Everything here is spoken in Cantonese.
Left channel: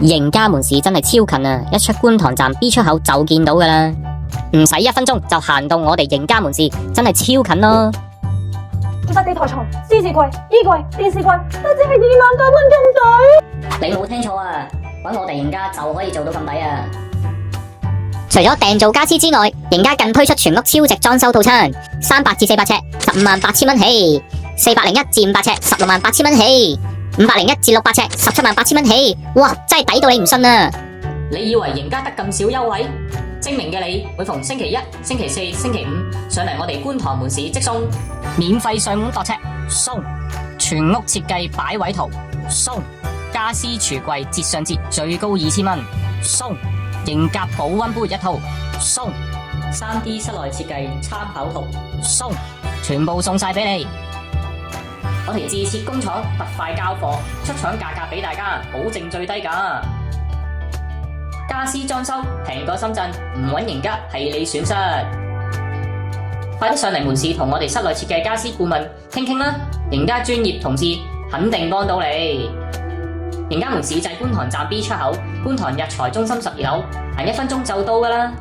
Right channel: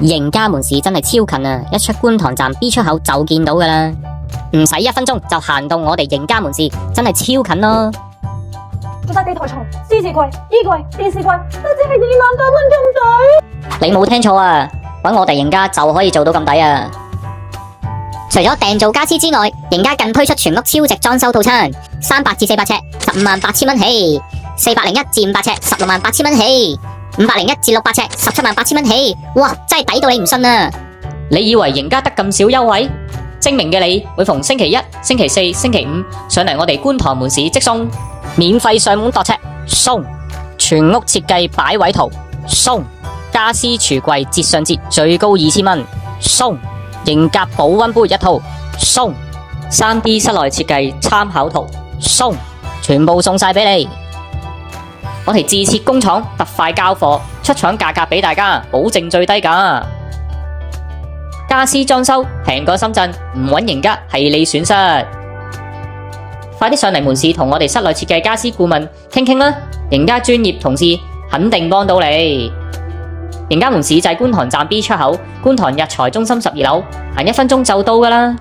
盈家門市真係超近啊！一出觀塘站 B 出口就見到噶啦，唔使1分鐘就行到我哋盈家門市，真係超近咯。住晒地台床、獅子櫃、衣櫃、電視櫃，都只係2萬多蚊咁抵。你冇聽錯啊！搵我哋盈家就可以做到咁抵啊！除咗訂造家私之外，盈家更推出全屋超值裝修套餐，300至400尺，158000蚊起；401至500尺，168,000蚊起；501至600尺，178,000蚊起。哇，真係抵到你唔信啊！你以為盈家得咁少優惠？精明嘅你，每逢星期一、星期四、星期五上嚟我哋觀塘門市即送免費上門度尺，送全屋設計擺位圖，送家私櫥櫃折上折最高2000蚊，送盈格保溫杯1套，送 3D 室內設計參考圖，送全部送晒俾你。我哋自設工廠，特快交貨，出廠價格俾大家，保證最低價。家私裝修平過深圳，唔揾盈家係你損失。快啲上嚟門市同我哋室內設計家私顧問傾傾啦，盈家專業同事肯定幫到你。盈家門市就係觀塘站 B 出口，觀塘日財中心12樓，行1分鐘就到㗎啦。